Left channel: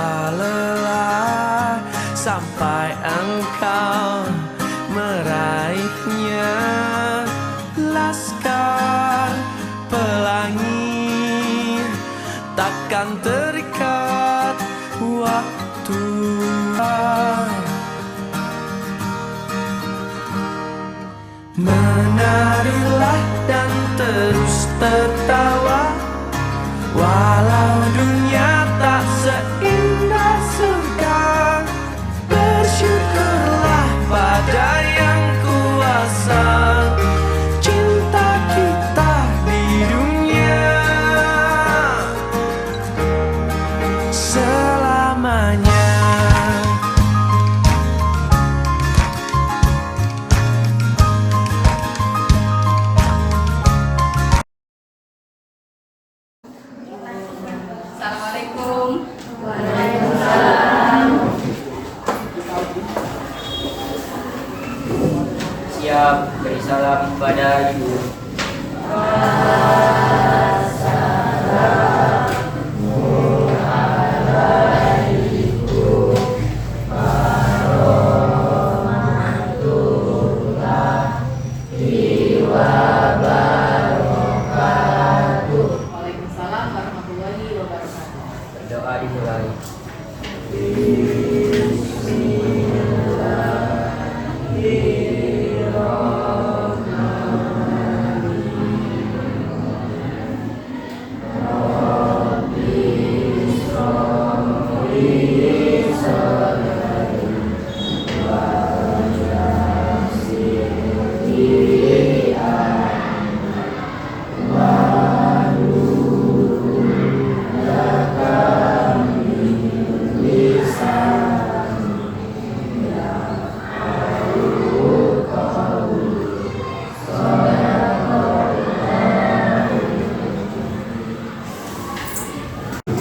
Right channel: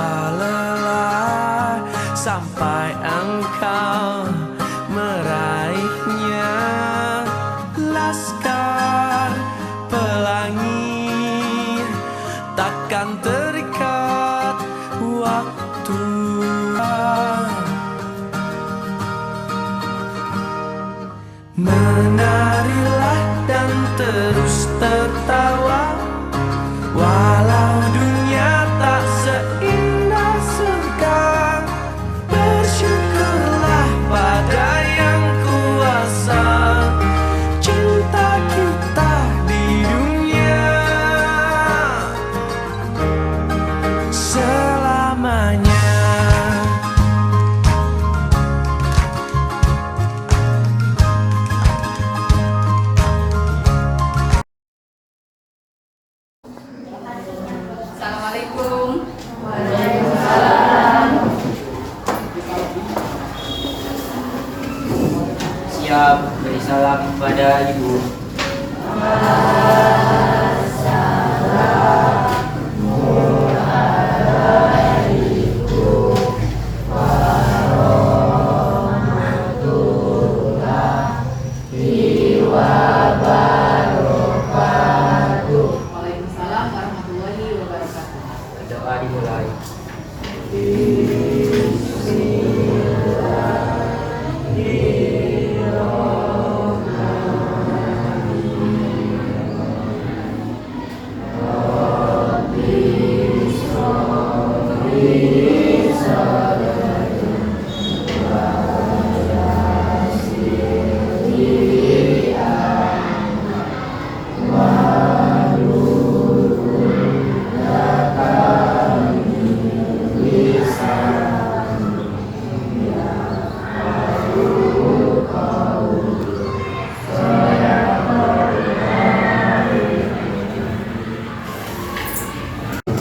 tanpa lelah sampai engkau meraihnya. Laskar pelangi takkan terikat waktu. Menarilah dan terus tertawa, walau dunia tak seindah surga. Bersyukurlah pada yang kuasa cinta kita di dunia selamanya. Assalamualaikum. Waalaikumsalam. Siap beri salam pada ibu. Waalaikumsalam warahmatullahi wabarakatuh. Doa dimulai.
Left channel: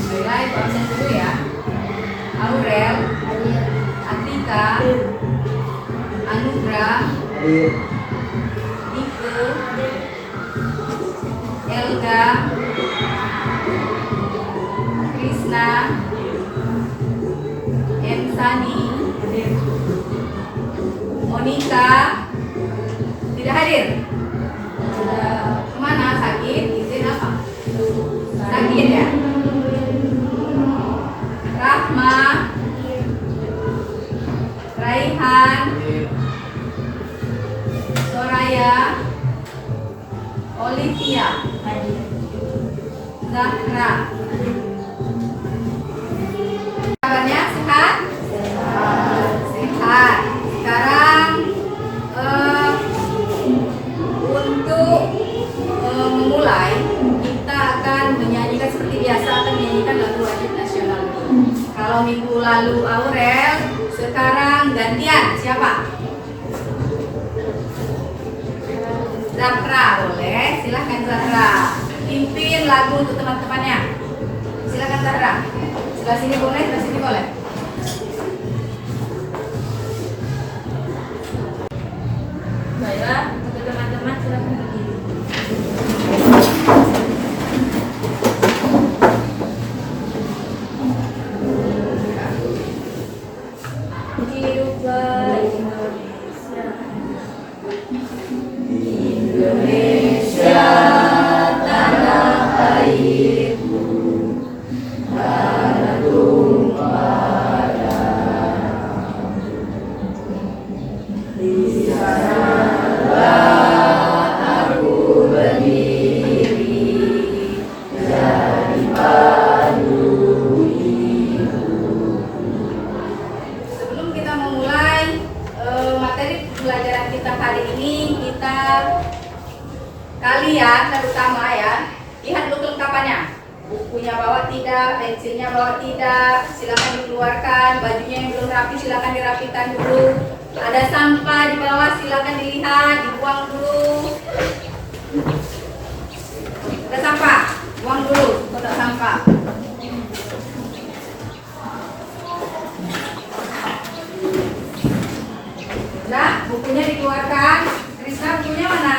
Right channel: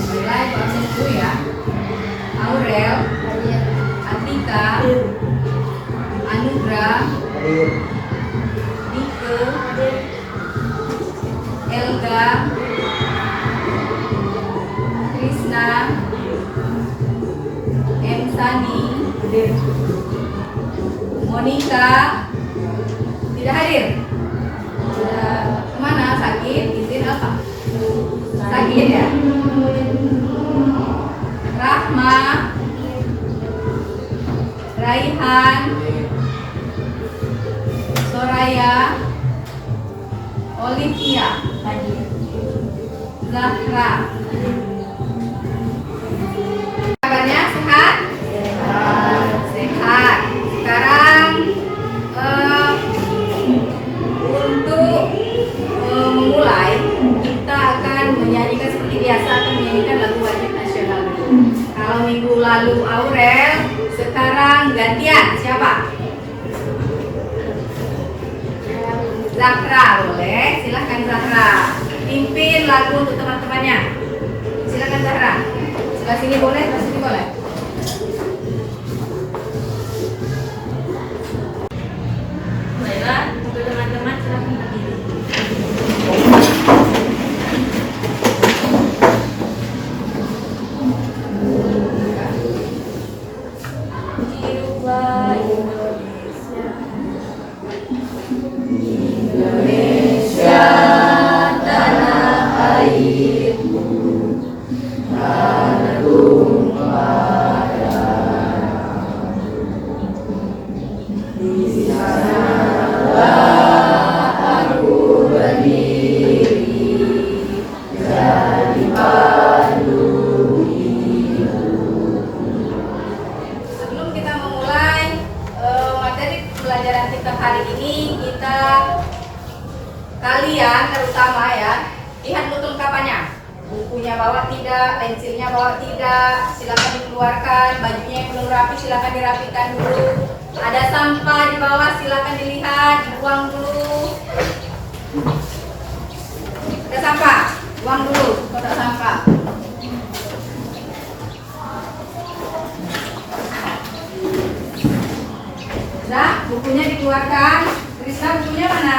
Mulai doanya dulu ya. Aurel, Atika, Anugrah, Nike, Elga, Krisna, Ensani, Monica tidak hadir. Sudah kemana? Sakit? Izin apa? Sakit ya? Rahma, Raihan, Soraya, Olivia, Zahra. Kabarnya sehat? Sehat. Sekarang untuk memulai, kita akan menyanyikan seperti biasa, akan menyanyikan lagu wajib nasional dulu. Kalau minggu lalu Aurel, sekarang gantian siapa? Zahra, boleh? Silahkan Zahra. Pimpin lagu untuk teman-temannya. Silahkan Zahra. Sebelah sini boleh, sebelah sini boleh. Baiklah, untuk teman-teman silakan berdiri. Hiduplah Indonesia. Indonesia tanah airku, tanah tumpah darahku. Di sanalah aku berdiri, jadi pandu hidup. Sebelum kita memulai materi pelajaran kita hari ini, kalian terutama ya, lihat dulu kelengkapannya. Bukunya bawa tidak, pensilnya bawa tidak, silakan dikeluarkan. Bajunya yang belum rapi silakan dirapikan dulu. Ada sampah di bawah silakan dilihat, dibuang dulu. Ada sampah, buang dulu kotak sampah. Nah, bukunya dikeluarkan. Krisna, bukunya mana?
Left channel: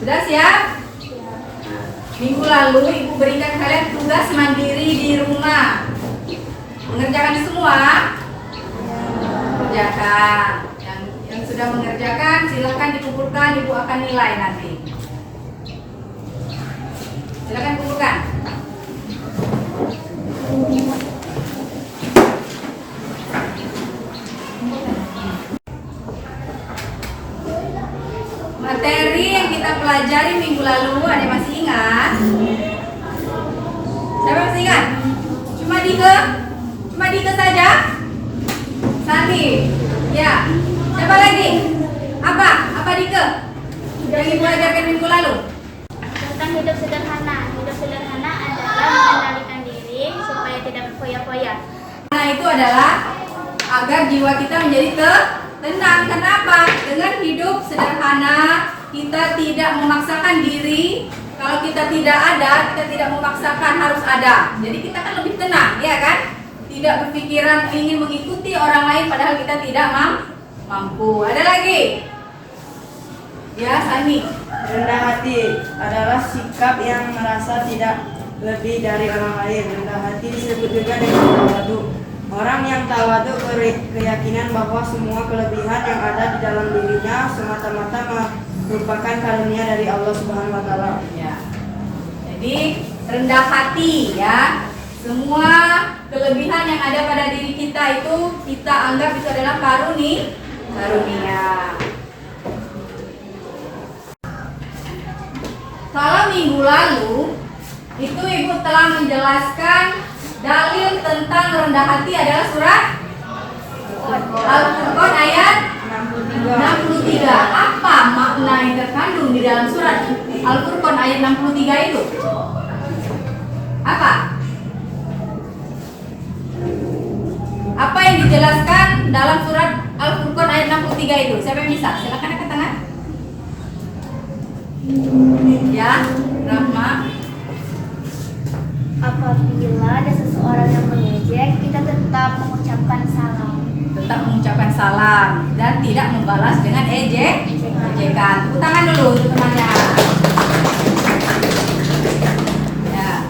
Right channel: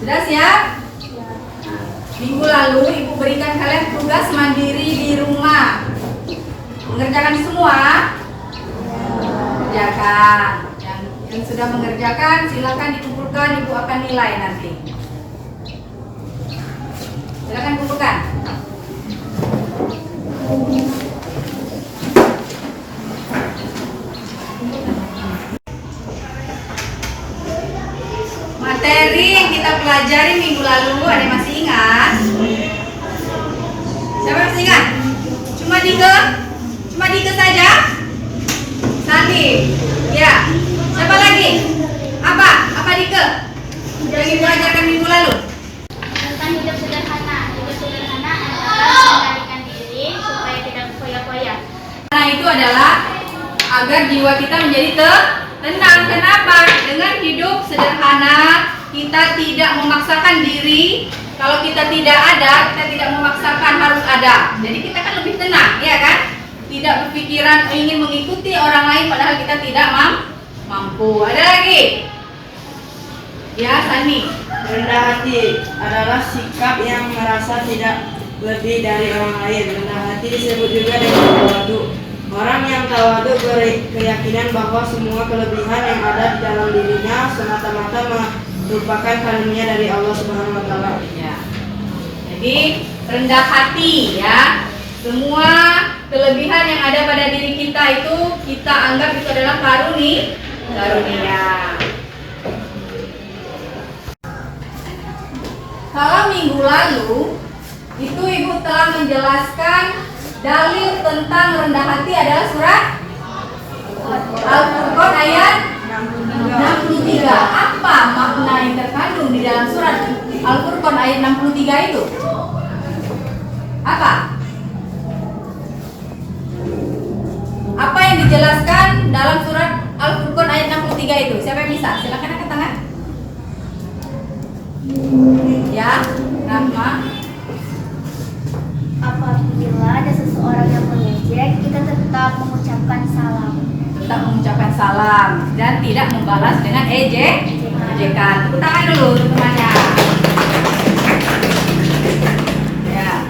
Sudah siap? Minggu lalu Ibu berikan kalian tugas mandiri di rumah. Mengerjakan semua? Kerjakan. Yang sudah mengerjakan silakan dikumpulkan, Ibu akan nilai nanti. Silakan kumpulkan. Materi yang kita pelajari minggu lalu, ada yang masih ingat? Siapa yang masih ingat? Cuma Dike saja? Sandi, ya. Siapa lagi? Apa Dike? Yang dipelajarkan minggu lalu? Tentang hidup sederhana. Hidup sederhana adalah mengendalikan diri supaya tidak foya-foya. Nah, itu adalah agar jiwa kita menjadi tenang. Kenapa? Dengan hidup sederhana, kita tidak memaksakan diri. Kalau kita tidak ada, kita tidak memaksakan harus ada. Jadi kita kan lebih tenang, ya kan? Tidak berpikiran ingin mengikuti orang lain padahal kita tidak mampu. Ada lagi? Ya, Sani. Rendah hati adalah sikap yang merasa tidak lebih dari orang lain. Rendah hati disebut juga dengan tawadu. Orang yang tawadu berkeyakinan bahwa semua kelebihan yang ada di dalam dirinya semata-mata merupakan karunia dari Allah Subhanahu wa taala. Ya. Jadi rendah hati ya. Semua kelebihan yang ada pada diri kita itu kita anggap itu adalah karunia. Kalau minggu lalu itu Ibu telah menjelaskan dalil tentang rendah hati adalah surat Al-Furqan ayat 63. Apa makna yang terkandung di dalam surat Al-Furqan ayat 63 itu? Apa yang dijelaskan dalam surat Al-Furqan ayat 63 itu? Siapa yang bisa? Silakan angkat tangan. Ya, Rahma. Apabila ada seseorang yang mengejek, kita tetap mengucapkan salam. Tetap mengucapkan salam dan tidak membalas dengan ejekan. Tepuk tangan dulu untuk temannya. Ya.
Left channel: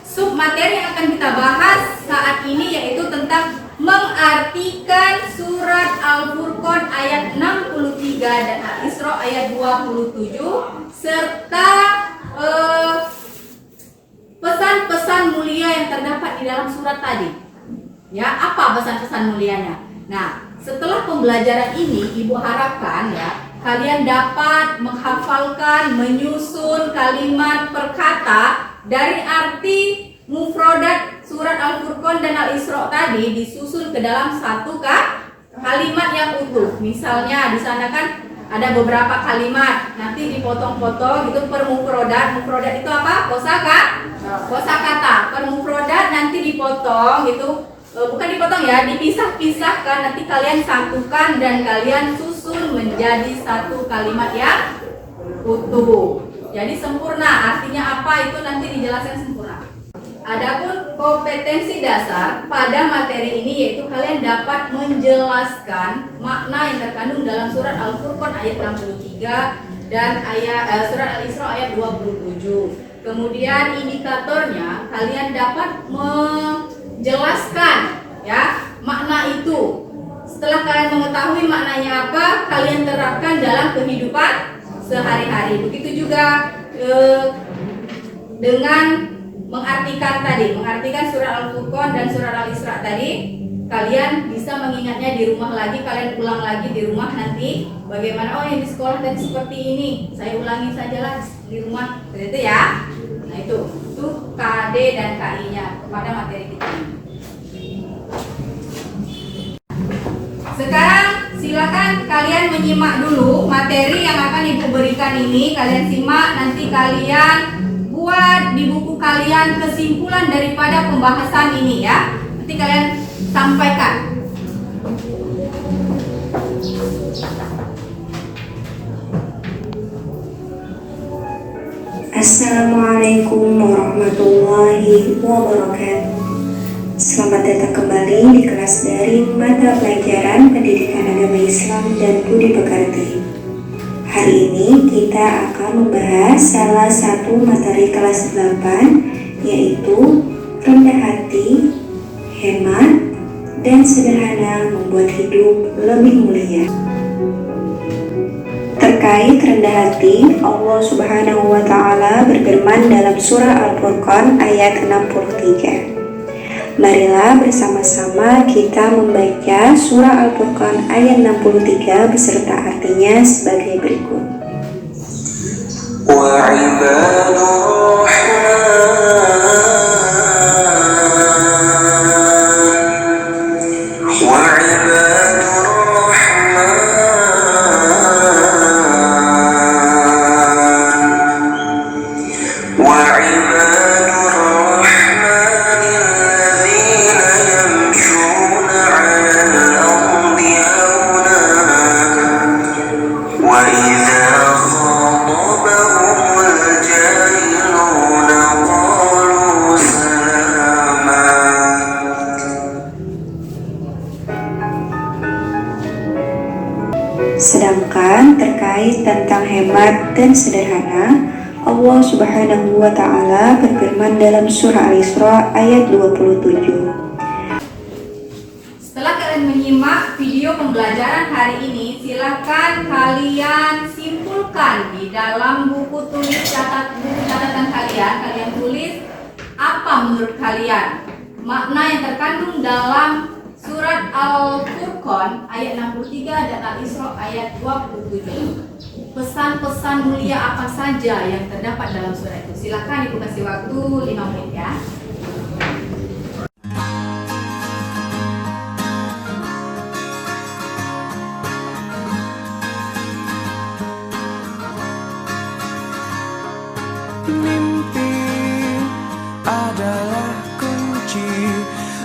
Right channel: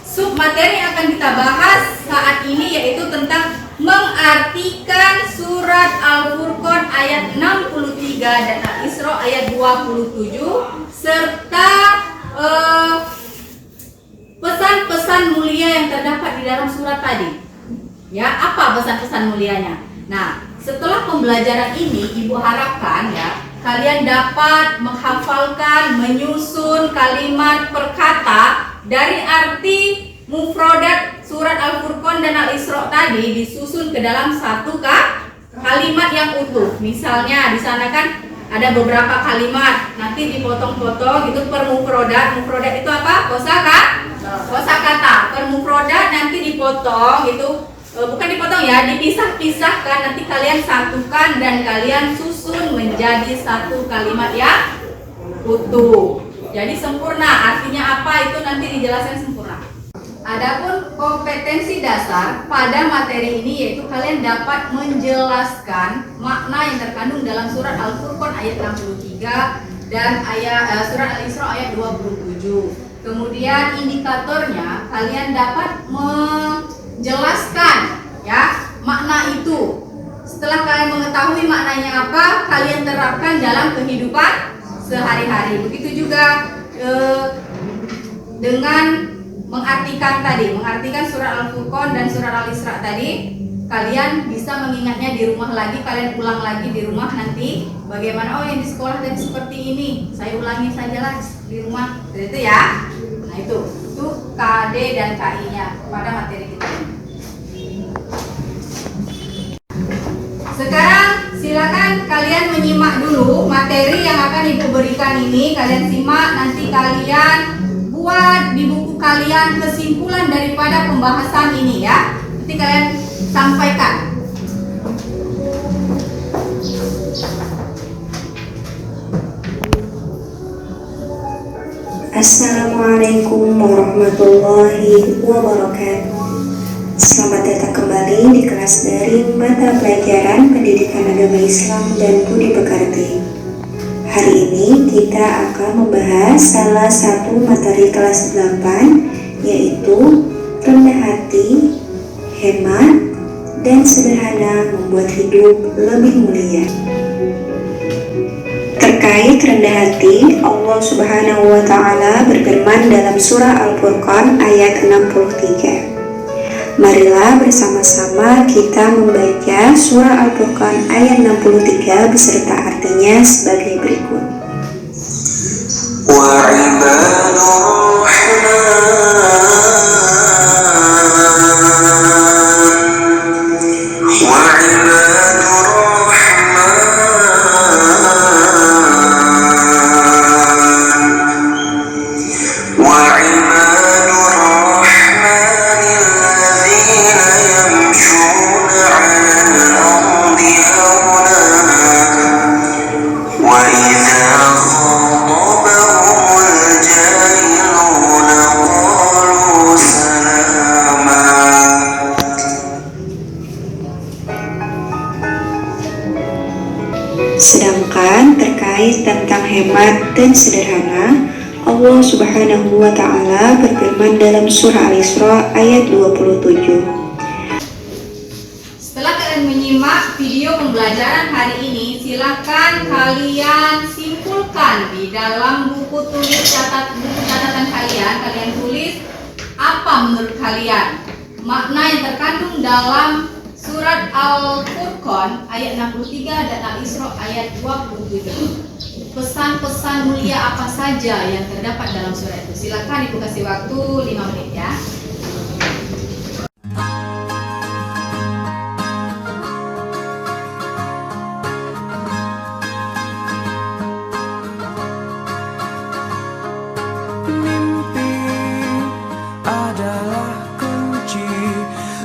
Sub materi yang akan kita bahas saat ini yaitu tentang mengartikan surat Al-Furqan ayat 63 dan Al-Isra ayat 27 serta pesan-pesan mulia yang terdapat di dalam surat tadi. Ya, apa pesan-pesan mulianya? Nah, setelah pembelajaran ini Ibu harapkan ya kalian dapat menghafalkan, menyusun kalimat per kata dari arti mufradat surat Al-Furqan dan Al-Isra tadi disusun ke dalam satu kalimat yang utuh. Misalnya di sana kan ada beberapa kalimat, nanti dipotong-potong itu per mufradat. Mufradat itu apa? Kosakata. Per mufradat nanti dipotong itu bukan dipotong ya, dipisah-pisahkan, nanti kalian satukan dan kalian susun menjadi satu kalimat yang utuh. Jadi sempurna, artinya apa itu nanti dijelaskan sempurna. Adapun kompetensi dasar pada materi ini yaitu kalian dapat menjelaskan makna yang terkandung dalam surat Al-Furqan ayat 63 dan surat Al-Isra ayat 27. Kemudian indikatornya kalian dapat menjelaskan ya makna itu. Setelah kalian mengetahui maknanya apa, kalian terapkan dalam kehidupan sehari-hari. Begitu juga dengan mengartikan surat Al-Furqan dan surat Al-Isra tadi, kalian bisa mengingatnya di rumah lagi, kalian ulang lagi di rumah nanti bagaimana yang di sekolah tadi seperti ini, saya ulangi sajalah di rumah, itu ya. Nah itu KD dan KI-nya pada materi kita ini. Sekarang silakan kalian menyimak dulu materi yang akan Ibu berikan ini, kalian simak, nanti kalian buat di buku kalian kesimpulan daripada pembahasan ini ya. Nanti kalian sampaikan. Assalamualaikum warahmatullahi wabarakatuh. Selamat datang kembali di kelas daring mata pelajaran Pendidikan Agama Islam dan Budi Pekerti. Hari ini kita akan membahas salah satu materi kelas 8, yaitu rendah hati, hemat, dan sederhana membuat hidup lebih mulia. Terkait rendah hati, Allah Subhanahu wa Ta'ala berfirman dalam surah Al-Furqan ayat 63. Marilah bersama-sama kita membaca surah Al-Furqan ayat 63 beserta artinya sebagai berikut. Sedangkan terkait tentang hemat dan sederhana, Allah Subhanahu wa Ta'ala berfirman dalam surah Al-Isra ayat 27. Setelah kalian menyimak video pembelajaran hari ini, silakan kalian simpulkan di dalam buku catatan kalian tulis apa menurut kalian makna yang terkandung dalam surat Al-Furqan ayat 63 dan Al-Isra ayat 27. Pesan-pesan mulia apa saja yang terdapat dalam surat itu? Silakan Ibu kasih waktu 5 menit ya. Mimpi adalah kunci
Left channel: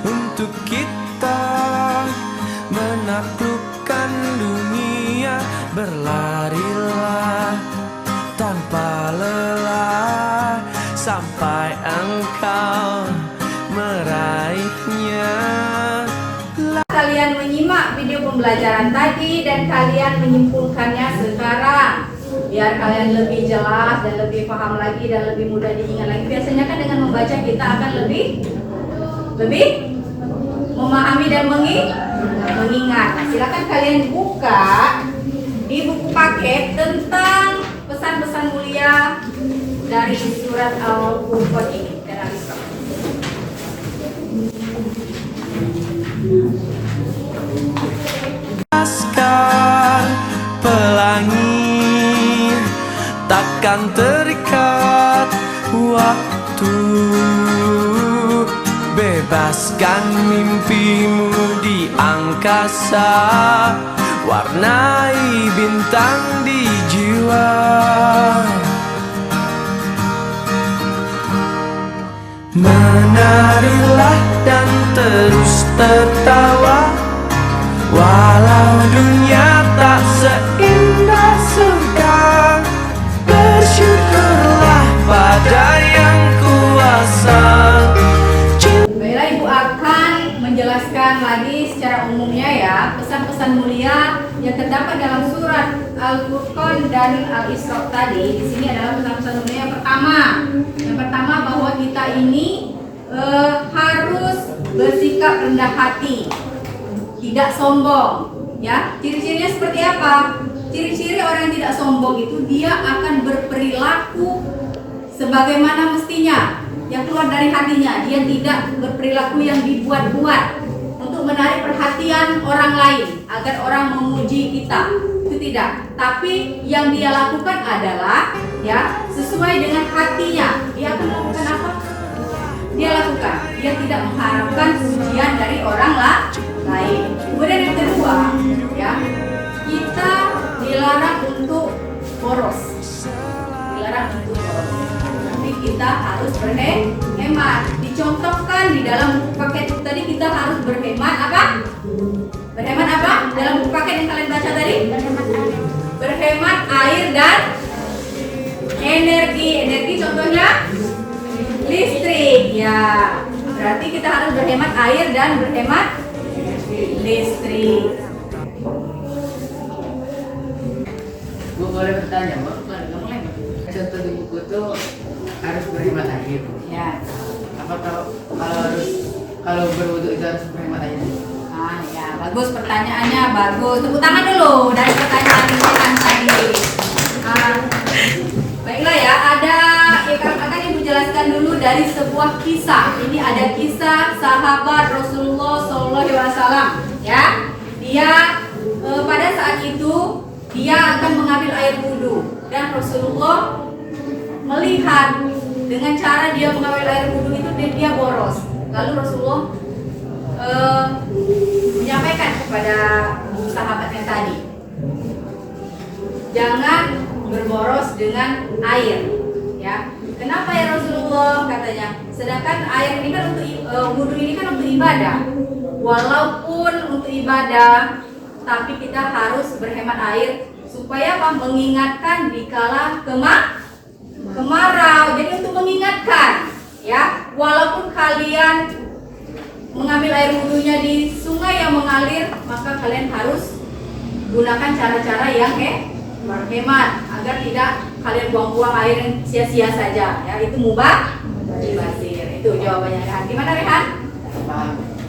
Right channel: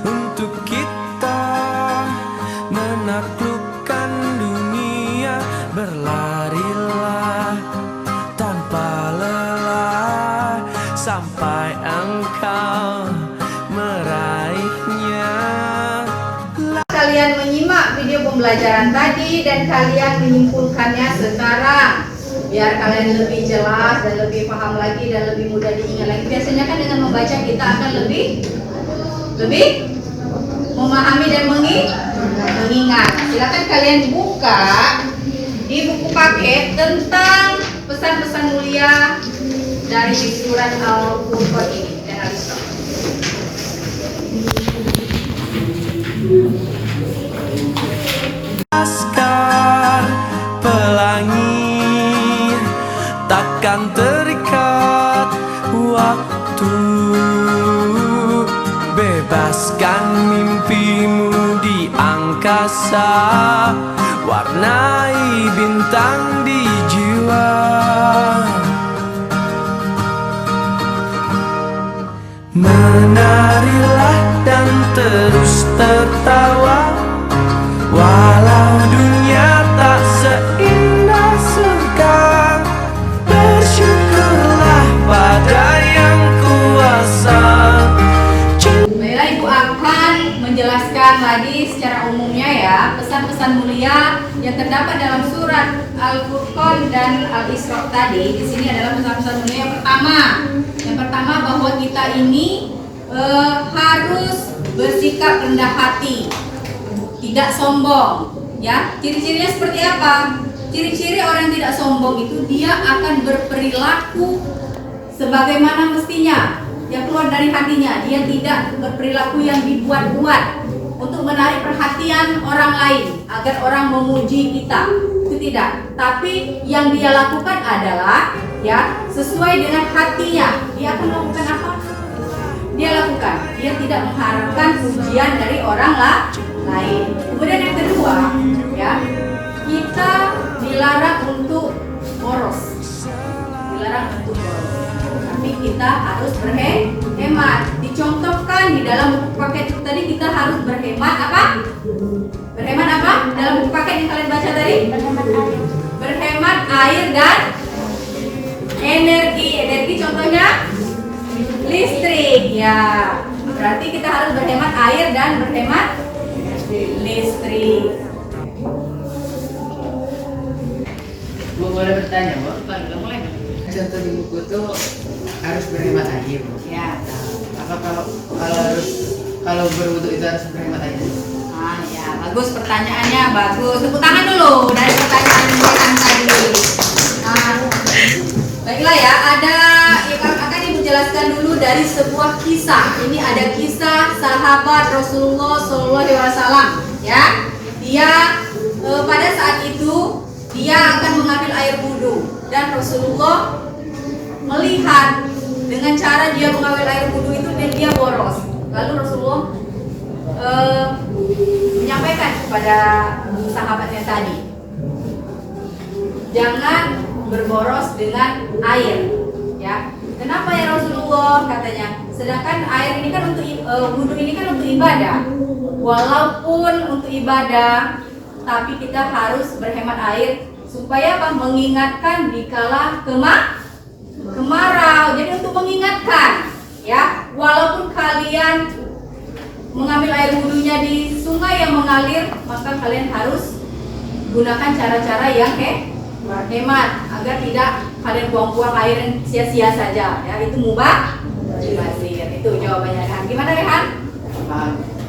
untuk kita menaklukkan dunia. Berlarilah tanpa lelah sampai engkau meraihnya. Kalian menyimak video pembelajaran tadi dan kalian menyimpulkannya sekarang, biar kalian lebih jelas dan lebih paham lagi dan lebih mudah diingat lagi. Biasanya kan dengan membaca kita akan lebih memahami dan mengingat. Silakan kalian buka di buku paket tentang pesan-pesan mulia dari surat Al-Furqan ini dan Al-Isra. Laskar pelangi takkan terikat waktu. Bebaskan mimpimu di angkasa, warnai bintang di jiwa. Menarilah dan terus tertawa, walau dunia tak seindah surga. Bersyukurlah pada yang kuasa. Baiklah, Ibu akan menjelaskan lagi secara umumnya ya pesan-pesan mulia yang terdapat dalam surat Al-Furqan dan Al-Isra tadi. Di sini adalah pesan-pesan mulia yang pertama. Yang pertama bahwa kita ini harus bersikap rendah hati, tidak sombong. Ya, ciri-cirinya seperti apa? Ciri-ciri orang yang tidak sombong itu dia akan berperilaku sebagaimana mestinya, yang keluar dari hatinya. Dia tidak berperilaku yang dibuat-buat untuk menarik perhatian orang lain agar orang memuji kita. Itu tidak. Tapi yang dia lakukan adalah ya sesuai dengan hatinya. Dia akan melakukan apa? Dia lakukan. Dia tidak mengharapkan pujian dari orang lain. Kemudian yang kedua, ya, kita dilarang untuk boros. Dilarang untuk boros. Tapi kita harus berhemat. Dicontohkan di dalam buku paket tadi, kita harus berhemat apa? Berhemat apa? Dalam buku paket yang kalian baca tadi? Berhemat air dan energi. Energi contohnya listrik. Ya, berarti kita harus berhemat air dan berhemat listrik. boleh bertanya, Bu? Boleh. Contoh di buku tuh harus berhemat air, Bu. Ya. Apa kalau berwudu itu harus berhemat air? Nah, ya, bagus pertanyaannya, bagus. Tepuk tangan dulu dari pertanyaan yang tadi. Nah, baiklah ya, akan ibu jelaskan dulu dari sebuah kisah. Ini ada kisah sahabat Rasulullah SAW. Ya, dia pada saat itu dia akan mengambil air wudhu dan Rasulullah melihat dengan cara dia mengambil air wudhu itu dia boros. Lalu Rasulullah menyampaikan kepada sahabatnya tadi, jangan berboros dengan air, ya. Kenapa ya Rasulullah, katanya? Sedangkan air ini kan untuk wudhu ini kan untuk ibadah. Walaupun untuk ibadah, tapi kita harus berhemat air supaya apa? Mengingatkan dikala kemarau. Jadi untuk mengingatkan, ya. Walaupun kalian mengambil air wudhunya di sungai yang mengalir, maka kalian harus gunakan cara-cara yang hemat agar tidak kalian buang-buang air yang sia-sia saja, ya. Itu mubah mubazir. Itu jawabannya, Rehan. Gimana, Rehan?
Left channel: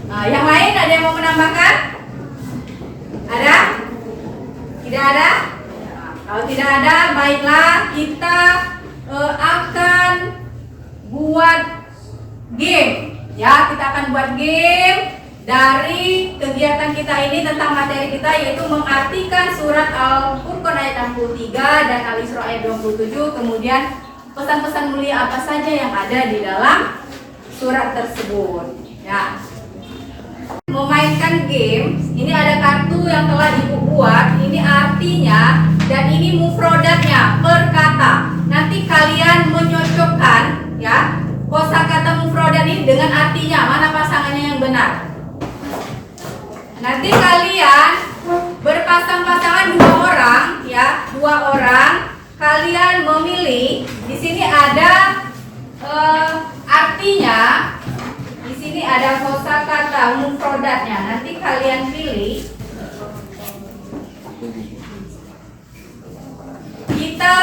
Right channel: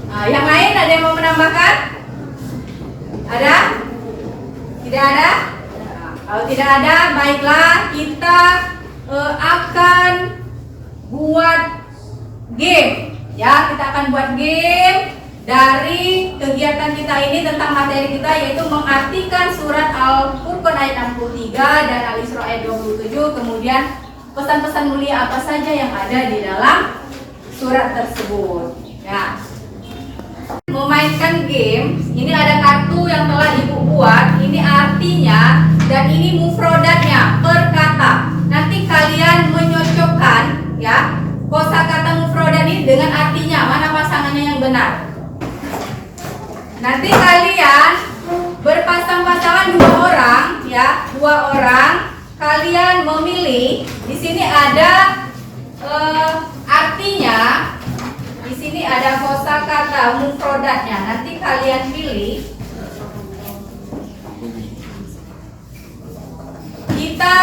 Nah, yang lain ada yang mau menambahkan? Ada? Tidak ada? Nah, kalau tidak ada, baiklah kita akan buat game. Ya, kita akan buat game dari kegiatan kita ini tentang materi kita, yaitu mengartikan surat Al-Furqan ayat 63 dan Al-Isra ayat 27, kemudian pesan-pesan mulia apa saja yang ada di dalam surat tersebut. Ya. Memainkan game, ini ada kartu yang telah ibu buat, ini artinya dan ini mufrodatnya per kata. Nanti kalian menyocokkan, ya, kosakata mufrodat ini dengan artinya, mana pasangannya yang benar. Nanti kalian berpasang-pasangan 2 orang, ya, 2 orang. Kalian memilih. Di sini ada artinya. Di sini ada kosakata mufrodatnya. Nanti kalian pilih. Kita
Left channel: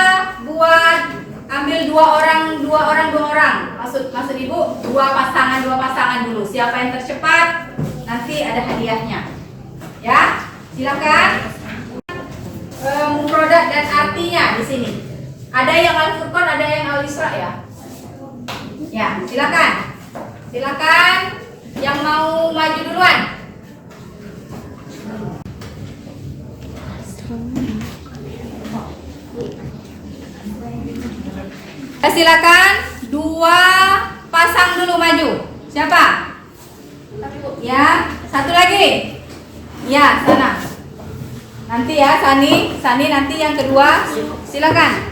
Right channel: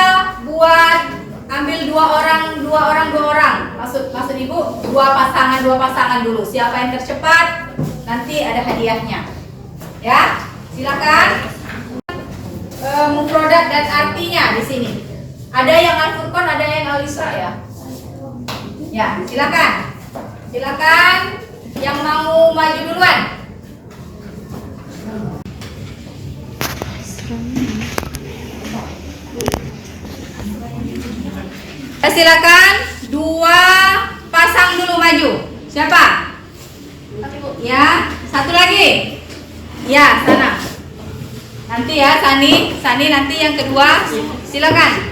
buat ambil 2 orang. Maksud ibu 2 pasangan dulu. Siapa yang tercepat nanti ada hadiahnya. Ya, silakan. Mufrodat dan artinya di sini. Ada yang Al-Furqan, ada yang Al-Isra, ya. Ya, silakan. Silakan yang mau maju duluan. Silakan 2 pasang dulu maju. Siapa? Ya, satu lagi. Ya, sana. Nanti ya, Sani nanti yang kedua. Silakan.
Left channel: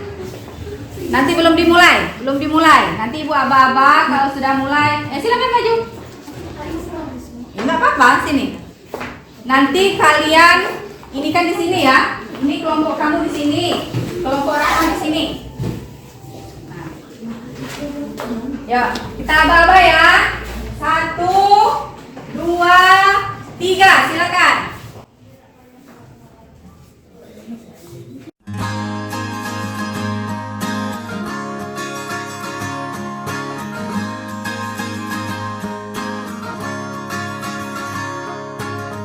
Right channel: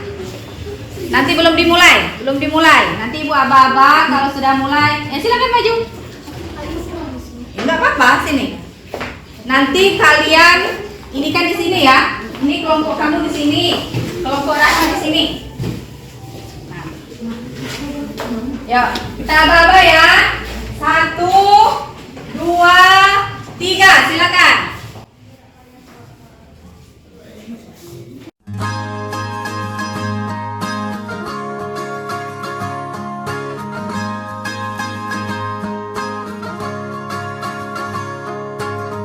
Nanti belum dimulai. Nanti Ibu aba-aba kalau sudah mulai. Silakan maju. Enggak apa-apa, sini. Nanti kalian ini kan di sini ya. Ini kelompok kamu di sini. Kelompok Rahma di sini. Nah. Ya, kita aba-aba ya. 1 2 3, silakan.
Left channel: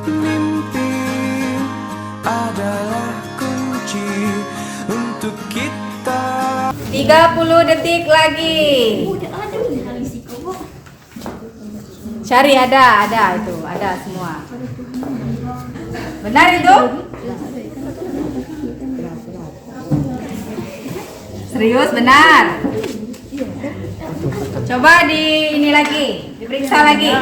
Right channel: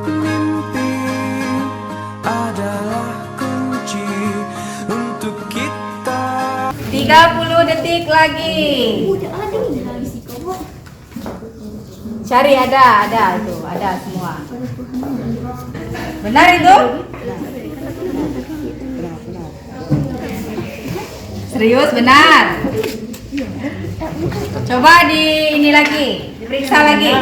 Mimpi adalah kunci untuk kita. 30 detik lagi. Cari ada itu, ada semua. Benar itu? Serius benar. Coba ini lagi, diperiksa lagi.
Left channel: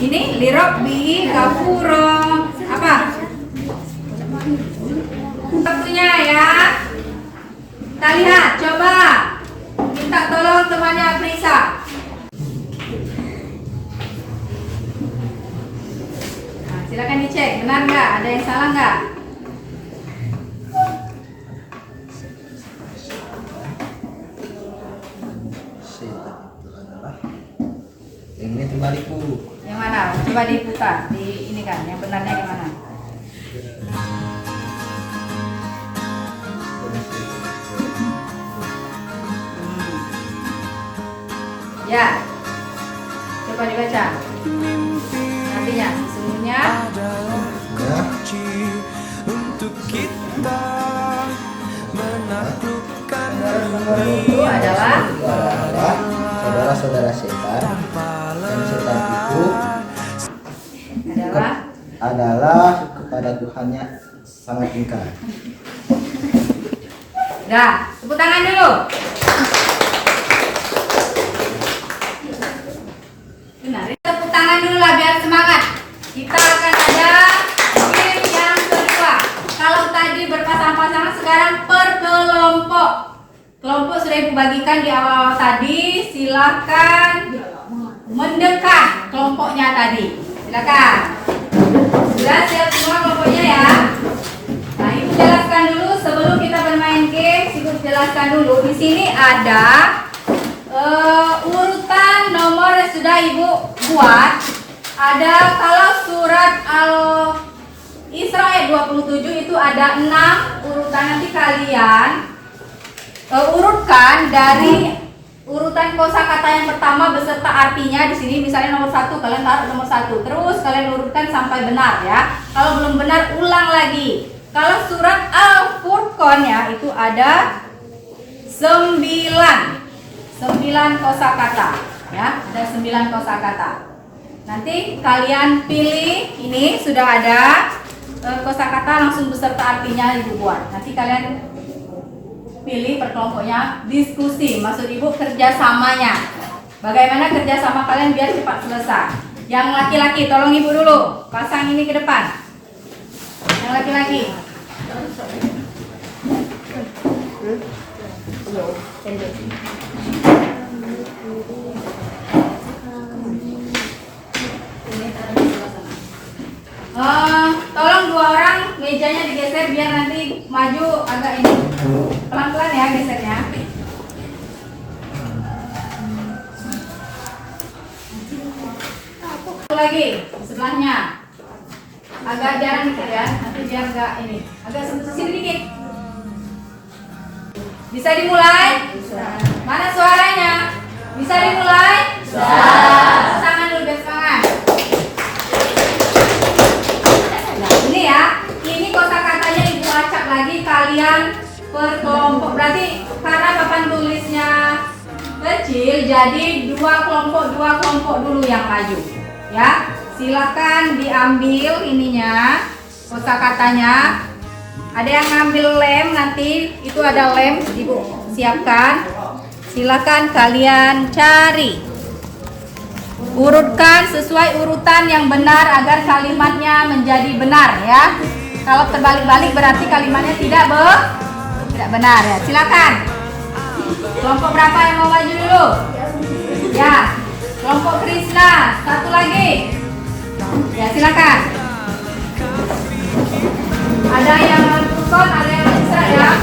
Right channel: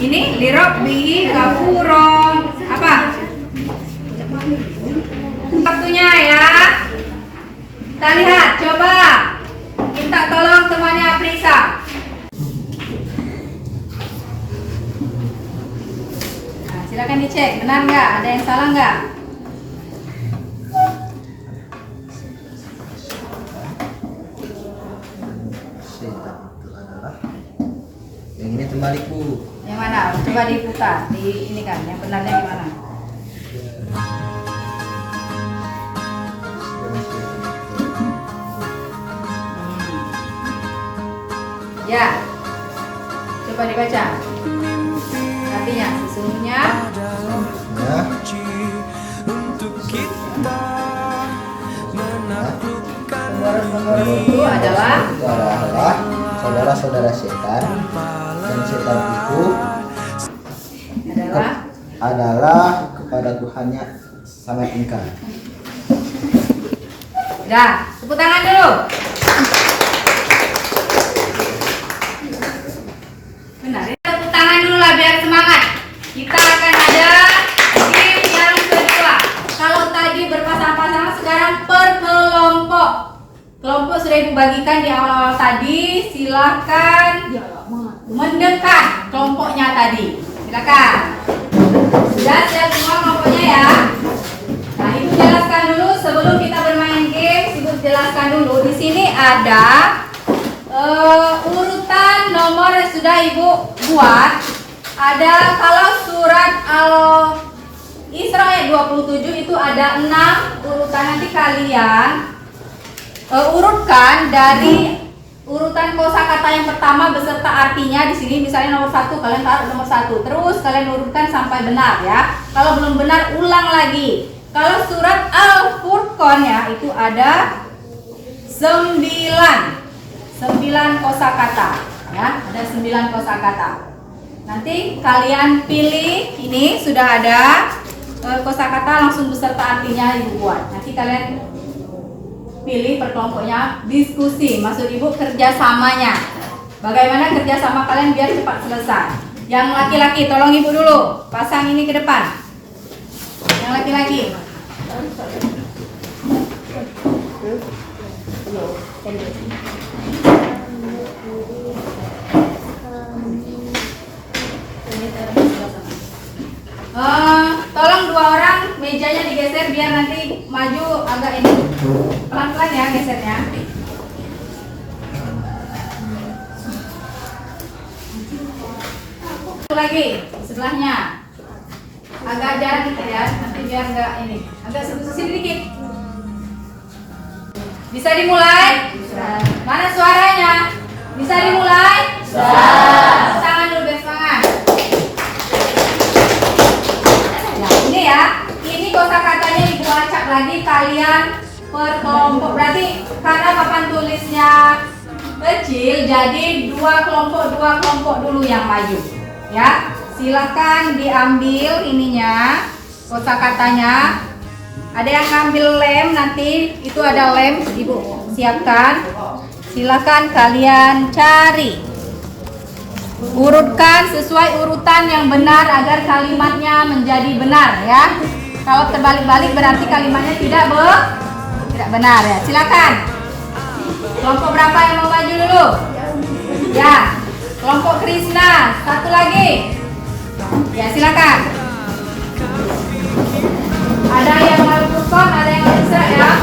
Ini lirok bi gafuro apa? Waktunya ya. Kita lihat, coba minta tolong temannya periksa. Nah, silakan dicek, benar nggak? Ada yang salah nggak? Ini terbalik, Bu. Yang Coba diputar, ini kan yang benarnya gimana? Ya, coba dibaca. Artinya sesungguhnya kunci untuk kita menaklukkan itu adalah saudara-saudara setan, dan setan itu adalah kepada Tuhannya sangat ingkar. Dah, tepuk tangan dulu. Benar, tepuk tangan dulu lah biar semangat. Kita akan ada game yang kedua. Kalau tadi berpasang-pasangan, sekarang per kelompok. Kelompok sudah Ibu bagikan di awal-awal tadi. Silakan mendekat kelompoknya tadi. Silakan. Sudah siap semua kelompoknya ya? Nah, Ibu jelaskan dulu sebelum kita bermain game. Ibu jelaskan dulu. Di sini ada urutan nomor yang sudah Ibu buat. Ada kalau surat Al-Isra ayat 27 itu ada 6 urutan. Nanti kalian urutkan dari urutan kosakata yang pertama beserta artinya. Di sini misalnya nomor 1, kalian taruh nomor 1. Terus kalian urutkan sampai benar ya. Kalau belum benar ulang lagi. Kalau surat Al-Furqan ya itu ada 9 kosakata ya, ada 9 kosakata. Nanti kalian pilih, ini sudah ada kosakata langsung beserta artinya Ibu buat. Nanti kalian pilih per kelompoknya, diskusi. Maksud Ibu kerjasamanya. Bagaimana kerjasama kalian biar cepat selesai. Yang laki-laki tolong Ibu dulu pasang ini ke depan. Yang laki-laki. Tolong 2 orang mejanya digeser biar nanti maju agak ini. Pelan-pelan ya gesernya. Satu lagi sebelahnya. Agak jarang gitu ya, nanti biar enggak ini. Agak sini dikit. Bisa dimulai? Mana suaranya? Bisa dimulai? Tangan dulu biar semangat. Nah ini ya, ini kosakatanya Ibu acak lagi kalian per kelompok. Berarti karena papan tulisnya kecil, jadi 2 kelompok dulu yang maju. Ya, silakan diambil ininya kosakatanya. Ada yang ngambil lem nanti, itu ada lem Ibu siapkan. Silakan kalian cari. Urutkan sesuai urutan yang benar agar kalimatnya menjadi benar ya. Kalau terbalik-balik berarti kalimatnya tidak benar ya. Silakan. Kelompok berapa yang mau maju dulu? Ya, kelompok Krishna. Satu lagi. Ya, silakan. Ada yang Al-Furqan, ada yang bisa ya.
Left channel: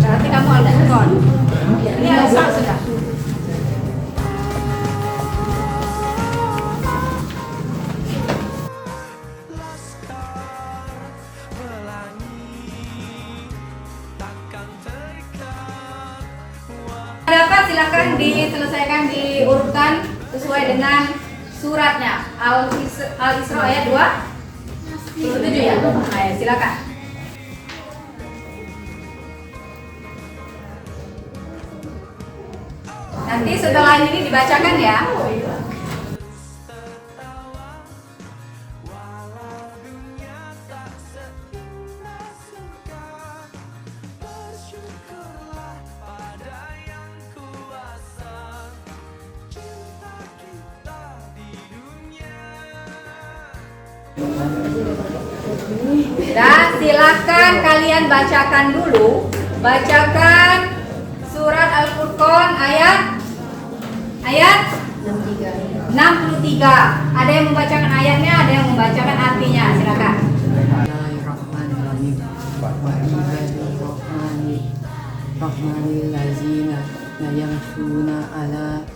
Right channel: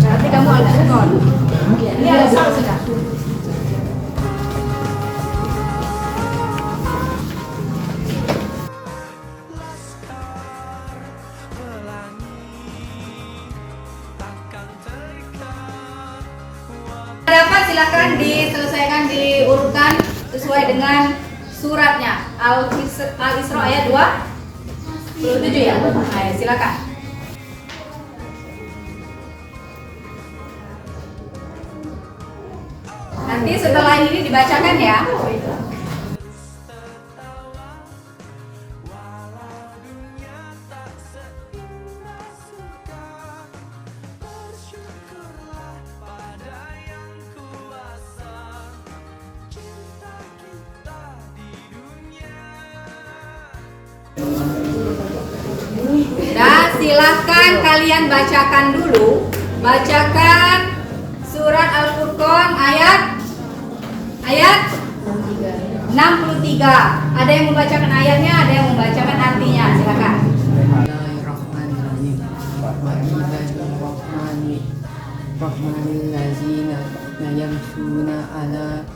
Nanti kamu Al-Furqan. Ini Al-Furqan sudah. Dapat silakan diselesaikan diurutkan sesuai dengan suratnya. Al-Isra ayat 27 ya. Ayo silakan. Nanti setelah ini dibacakan ya. Dan silahkan kalian bacakan dulu. Bacakan surat Al-Furqan ayat 63. Ada yang membacakan ayatnya, ada yang membacakan artinya. Silakan. Bismillahirrahmanirrahim. Wa ibadurrahmanil lazina yamshuna ala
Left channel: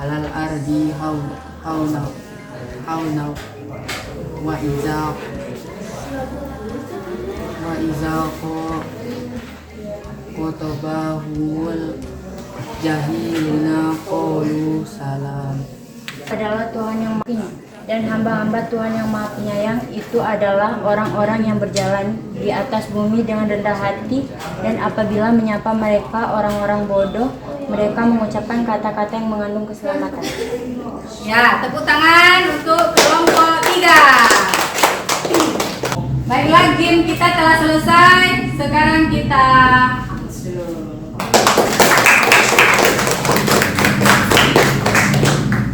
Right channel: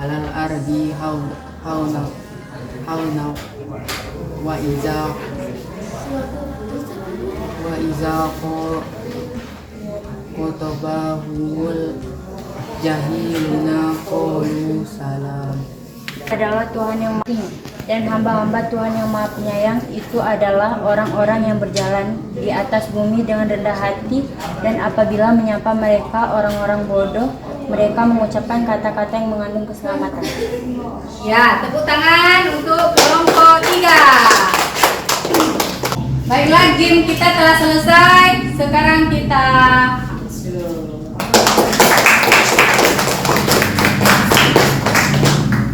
alal ardi hauna wa iza qotobahul jahiluna qalu salam. Adalah Tuhan yang Maha Tinggi dan hamba-hamba Tuhan yang Maha Penyayang itu adalah orang-orang yang berjalan di atas bumi dengan rendah hati, dan apabila menyapa mereka orang-orang bodoh, mereka mengucapkan kata-kata yang mengandung keselamatan. Ya, tepuk tangan untuk kelompok 3. Baiklah, game kita telah selesai. Sekarang kita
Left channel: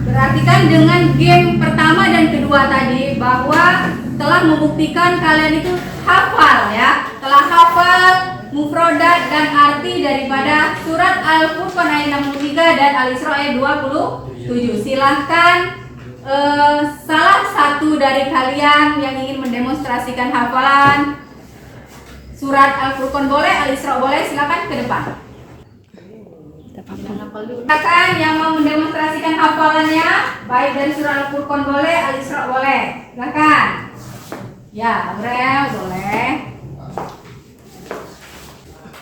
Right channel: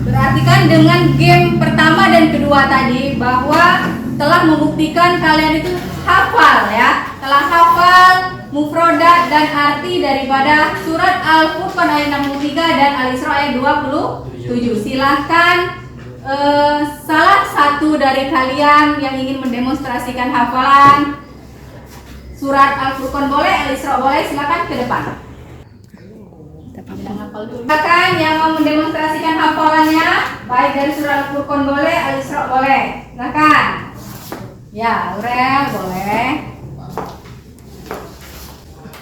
perhatikan dengan game pertama dan kedua tadi bahwa telah membuktikan kalian itu hafal ya, telah hafal mufrodat dan arti daripada surat Al-Furqan ayat 63 dan Al-Isra ayat 27. Silahkan salah satu dari kalian yang ingin mendemonstrasikan hafalan surat Al-Furqan boleh, Al-Isra boleh, silakan ke depan. Silakan yang mau mendemonstrasikan hafalannya, baik dari surat Al-Furqan boleh, Al-Isra boleh. Silakan. Ya, Aurel boleh.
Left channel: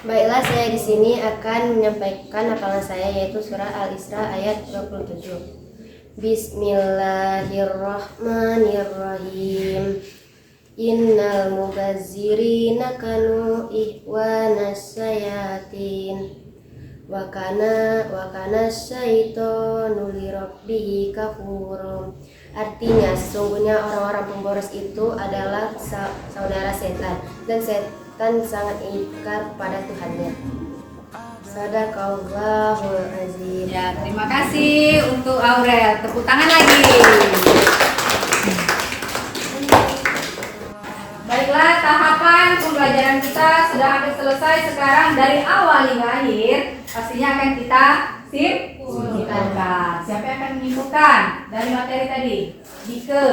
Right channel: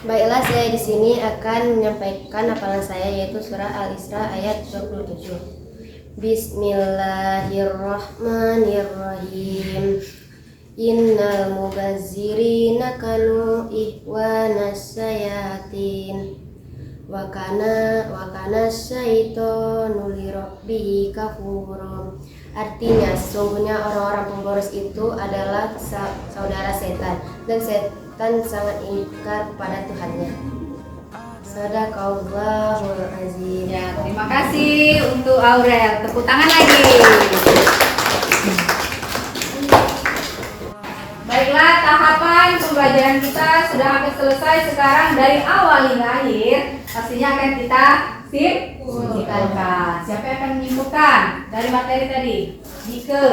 Baiklah, saya di sini akan menyampaikan hafalan saya, yaitu surah Al-Isra ayat 27. Bismillahirrahmanirrahim. Innal mubazzirina kanu ihwanas sayatin wa kana syaitanu lirabbihi kafurum. Artinya, sesungguhnya orang-orang pemboros itu adalah saudara setan, dan setan sangat ingkar kepada Tuhannya. Sadaqallahul azim. Ya, terima kasih untuk Aurel. Tepuk tangan lagi. Baiklah, tahapan pembelajaran kita sudah hampir selesai. Sekarang dari awal hingga akhir pastinya akan kita simpulkan. Siapa yang akan menyimpulkan dari materi tadi? Dike.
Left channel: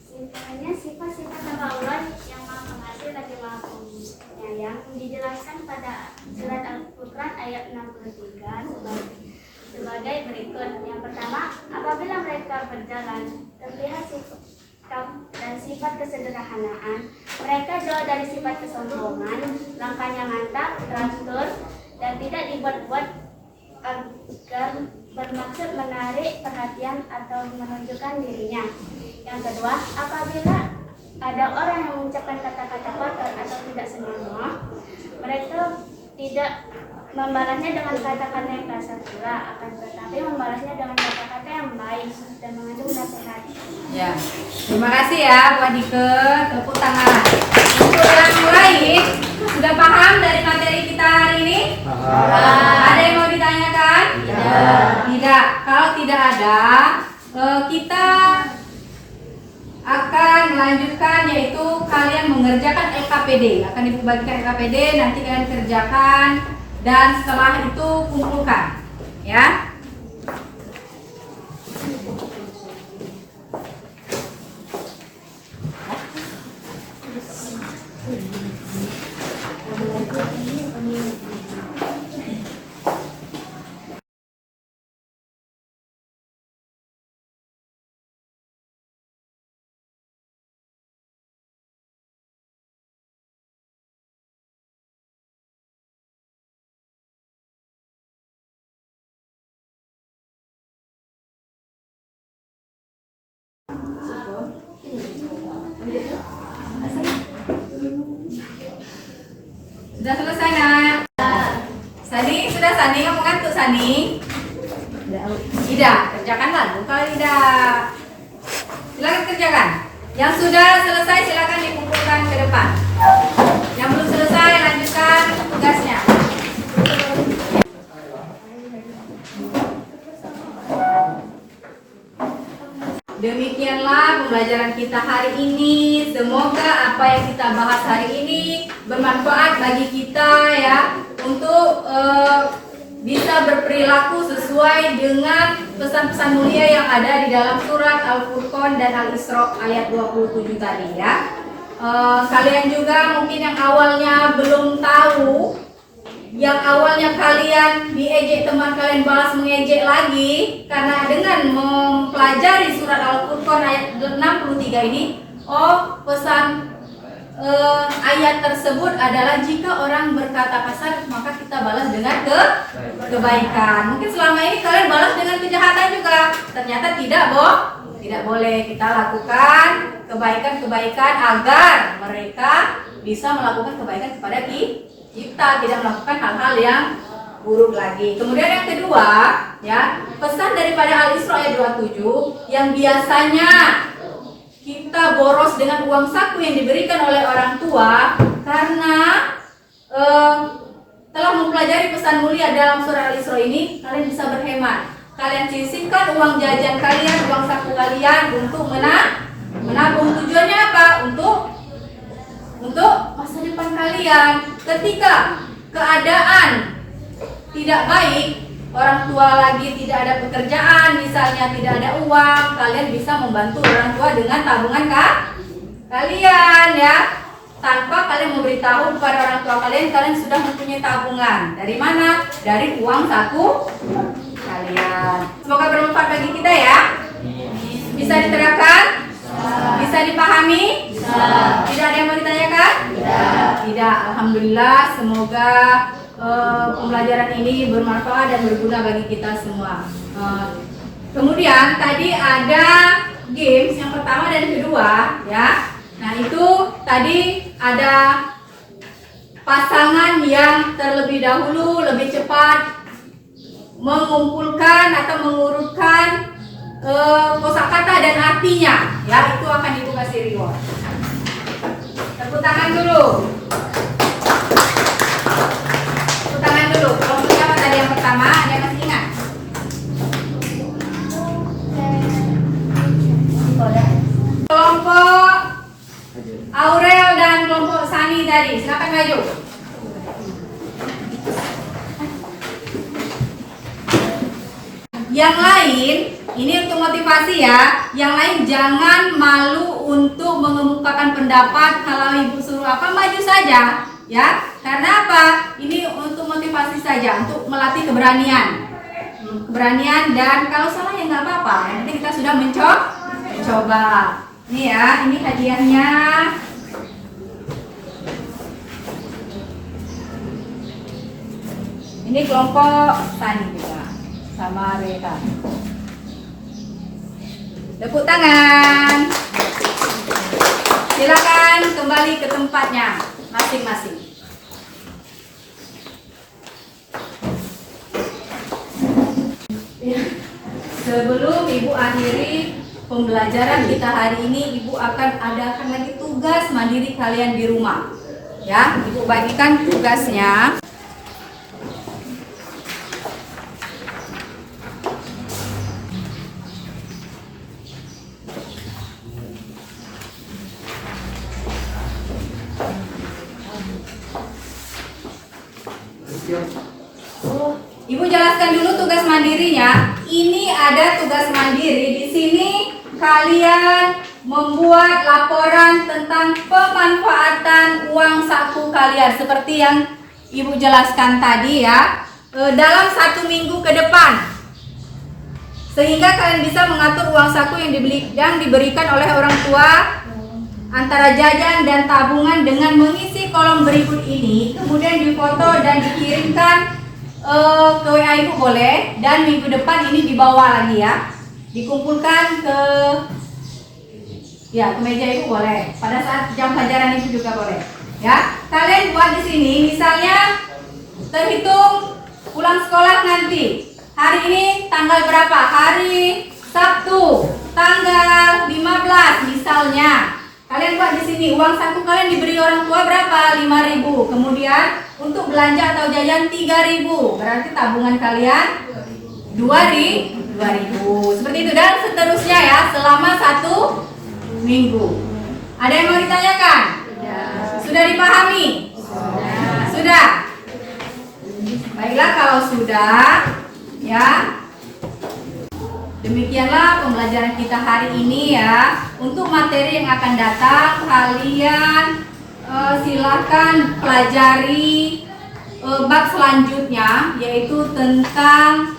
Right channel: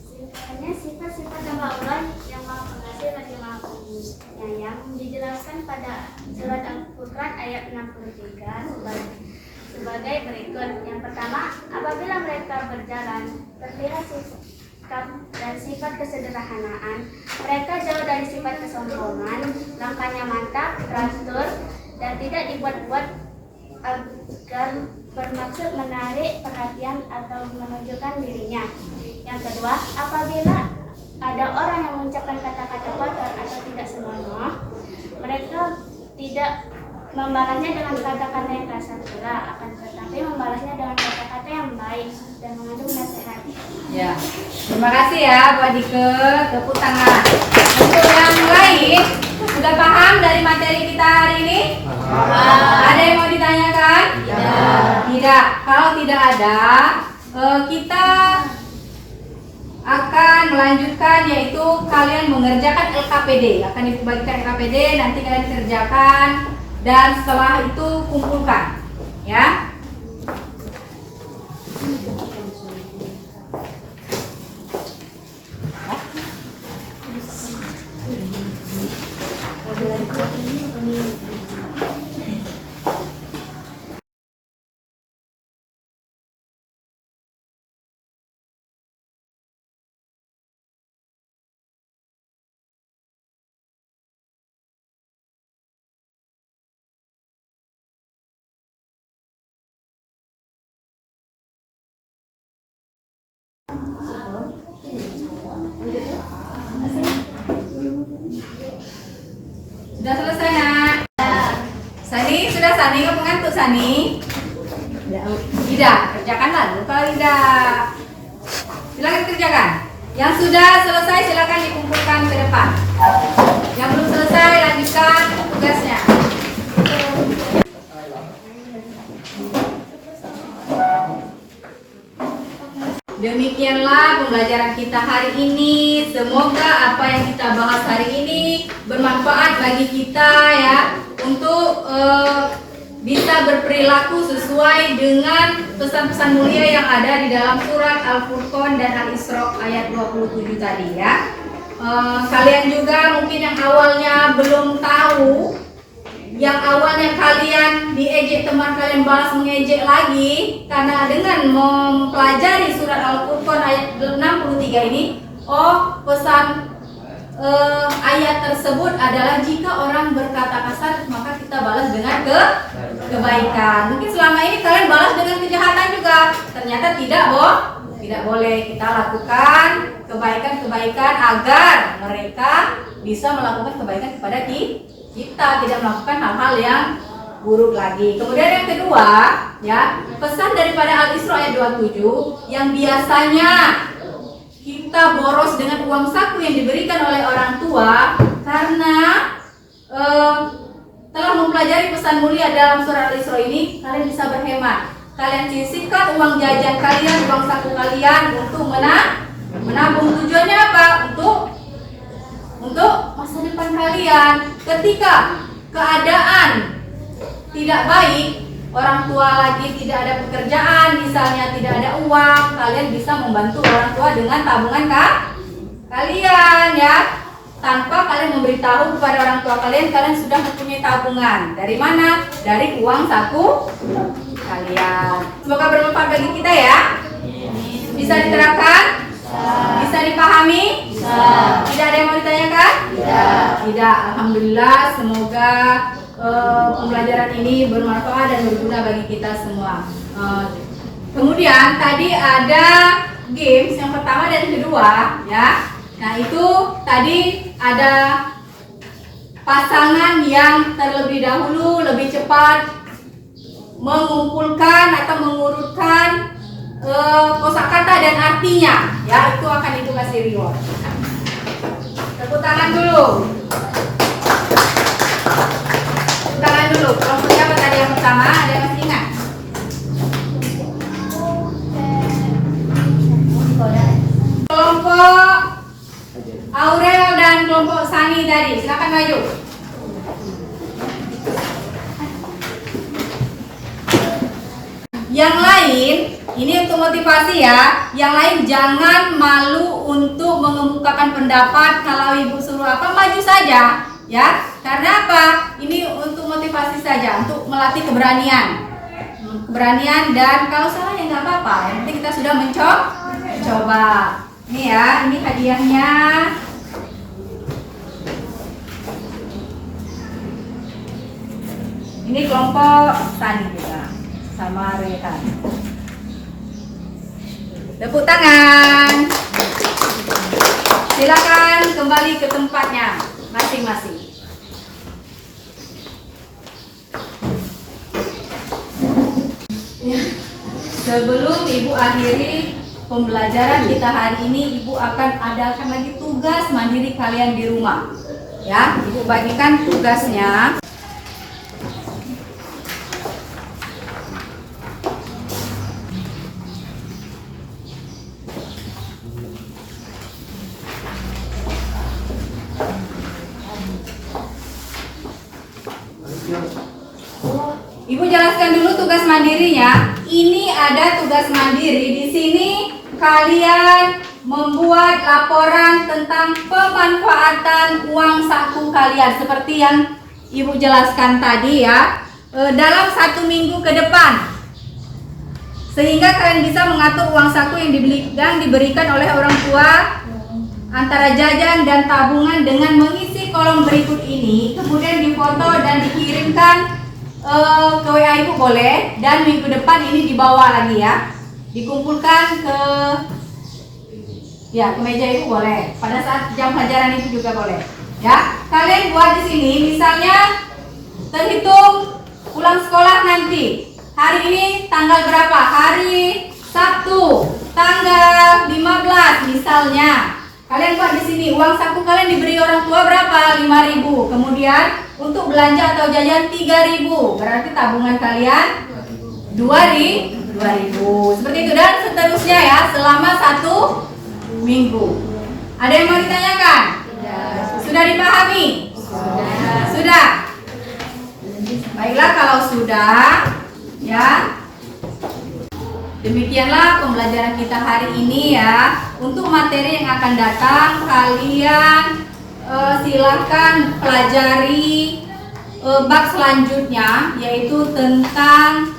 Simpulannya, sifat-sifat nama Allah yang Maha Pengasih lagi Maha Penyayang dijelaskan pada surat Al-Furqan ayat 63 sebagai berikut. Yang pertama, apabila mereka berjalan terlihat sikap dan sifat kesederhanaan, mereka jauh dari sifat kesombongan, langkahnya mantap, teratur, dan tidak dibuat-buat agar bermaksud menarik perhatian atau menunjukkan dirinya. Yang kedua, apabila ada orang yang mengucapkan kata-kata kotor atau tidak senonoh, mereka tidak membalasnya dengan kata-kata yang kasar pula, akan tetapi membalasnya dengan kata-kata yang baik dan mengandung nasihat. Ya, terima kasih ya Pak Dike. Tepuk tangan. Untuk yang lain, sudah paham dari materi kita hari ini? Ada yang mau ditanyakan? Tidak. Kalau tidak ada, kita akan melanjutkan, yaitu kalian mengerjakan LKPD. Akan dibagikan LKPD, nanti kalian kerjakan dan setelah itu kumpulkan, ya. Sudah selesai nak? Sani, sudah Sani, kamu ngantuk Sani? Tidak, kerjakan lalu kalau tidak. Silakan kerjakan. Yang sudah selesai silakan dikumpulkan ke depan. Yang belum selesai lanjutkan tugasnya. Demikianlah pembelajaran kita hari ini. Semoga apa yang kita bahas hari ini bermanfaat bagi kita ya, untuk bisa berperilaku sesuai dengan pesan-pesan mulia yang ada di dalam surat Al-Furqan dan Al-Isra ayat 27 tadi ya. Kalian juga mungkin yang awalnya belum tahu yang awalnya kalian diejek teman kalian balas mengejek lagi karena dengan mempelajari surat Al-Furqan ayat 63 ini, pesan ayat tersebut adalah jika orang berkata kasar maka kita balas dengan kebaikan. Mungkin selama ini kalian balas dengan kejahatan juga, ternyata tidak boleh. Kita lakukan kebaikan-kebaikan agar mereka bisa melakukan kebaikan kepada kita, tidak melakukan hal-hal yang buruk lagi. Kemudian yang kedua, ya, pesan daripada Al-Isra ayat 27 yang biasanya kita boros dengan uang saku yang diberikan oleh orang tua karena telah mempelajari pesan mulia dalam surah Al-Isra ini, kalian bisa berhemat. Kalian sisihkan uang jajan kalian, uang saku kalian untuk menabung. Tujuannya apa? Untuk masa depan kalian. Ketika keadaan tidak baik, orang tua lagi tidak ada pekerjaan, misalnya tidak ada uang, kalian bisa membantu orang tua dengan tabungan kalian, ya. Tanpa kalian memberitahu kepada orang tua kalian sudah mempunyai tabungan. Dari mana? Dari uang saku kalian. Semoga bermanfaat bagi kita ya. Bisa diterapkan? Bisa dipahami? Tidak ada yang mau ditanyakan? Tidak. Alhamdulillah, semoga pembelajaran ini bermanfaat dan berguna bagi kita semua. Kemudian tadi ada games yang pertama dan kedua, ya. Nah, itu tadi ada pasangan yang terlebih dahulu lebih cepat mengumpulkan atau mengurutkan kosakata dan artinya, ya. Itu akan Ibu kasih reward. Tepuk tangan dulu. Tepuk tangan dulu. Kelompoknya apa tadi yang pertama? Ada yang masih ingat? Kelompok Aurel dan kelompok Sani tadi. Silakan maju. Yang lain, ini untuk motivasi ya. Yang lain jangan malu untuk mengemukakan pendapat. Kalau Ibu suruh apa, maju saja, ya. Karena apa? Ini untuk motivasi saja, untuk melatih keberanian. Keberanian, dan kalau salah ya nggak apa-apa. Yang penting kita sudah mencoba. Ini ya, ini hadiahnya. Ini kelompok Sani juga. Sama Rekan. Tepuk tangan. Silakan kembali ke tempatnya masing-masing. Sebelum Ibu akhiri pembelajaran kita hari ini, Ibu akan adakan lagi tugas mandiri kalian di rumah. Ya, Ibu bagikan tugasnya. Ibu jelaskan dulu tugas mandirinya. Ini ada tugas mandiri. Di sini kalian membuat laporan tentang pemanfaatan uang saku kalian seperti yang Ibu jelaskan tadi ya, dalam 1 minggu ke depan, sehingga kalian bisa mengatur uang saku yang diberikan oleh orang tua antara jajan dan tabungan dengan mengisi kolom berikut ini, kemudian difoto dan dikirimkan ke WA Ibu boleh, dan minggu depan ini dibawa lagi ya, dikumpulkan ke meja Ibu boleh, pada saat jam pelajaran Ibu juga boleh ya. Kalian buat di sini, misalnya terhitung pulang sekolah nanti, hari ini tanggal berapa, hari Sabtu tanggal 15 misalnya. Kalian buat di sini, uang saku kalian diberi orang tua berapa? 5.000. Kemudian untuk belanja atau jajan 3.000. Berarti tabungan kalian 2.000. Seperti itu, dan seterusnya ya, selama 1 minggu. Ada yang mau ditanyakan? Sudah dipahami? Sudah. Baiklah, kalau sudah, ya. Demikianlah pembelajaran kita hari ini ya. Untuk materi yang akan datang, kalian silahkan pelajari bab selanjutnya, yaitu tentang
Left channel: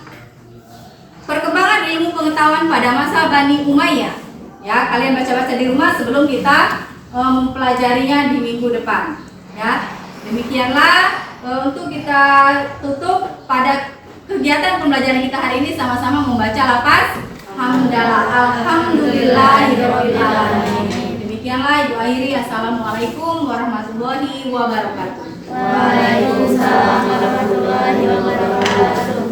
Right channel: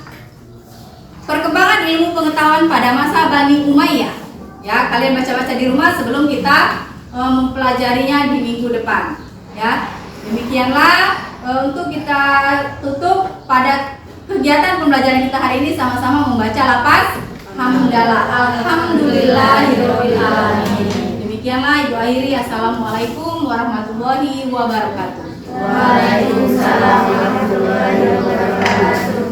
perkembangan ilmu pengetahuan pada masa Bani Umayyah. Ya, kalian baca-baca di rumah sebelum kita mempelajarinya di minggu depan. Ya, demikianlah untuk kita tutup pada kegiatan pembelajaran kita hari ini sama-sama membaca lafaz hamdalah, alhamdulillahirabbil alamin. Demikianlah ibu akhiri. Assalamualaikum warahmatullahi wabarakatuh. Waalaikumsalam warahmatullahi wabarakatuh.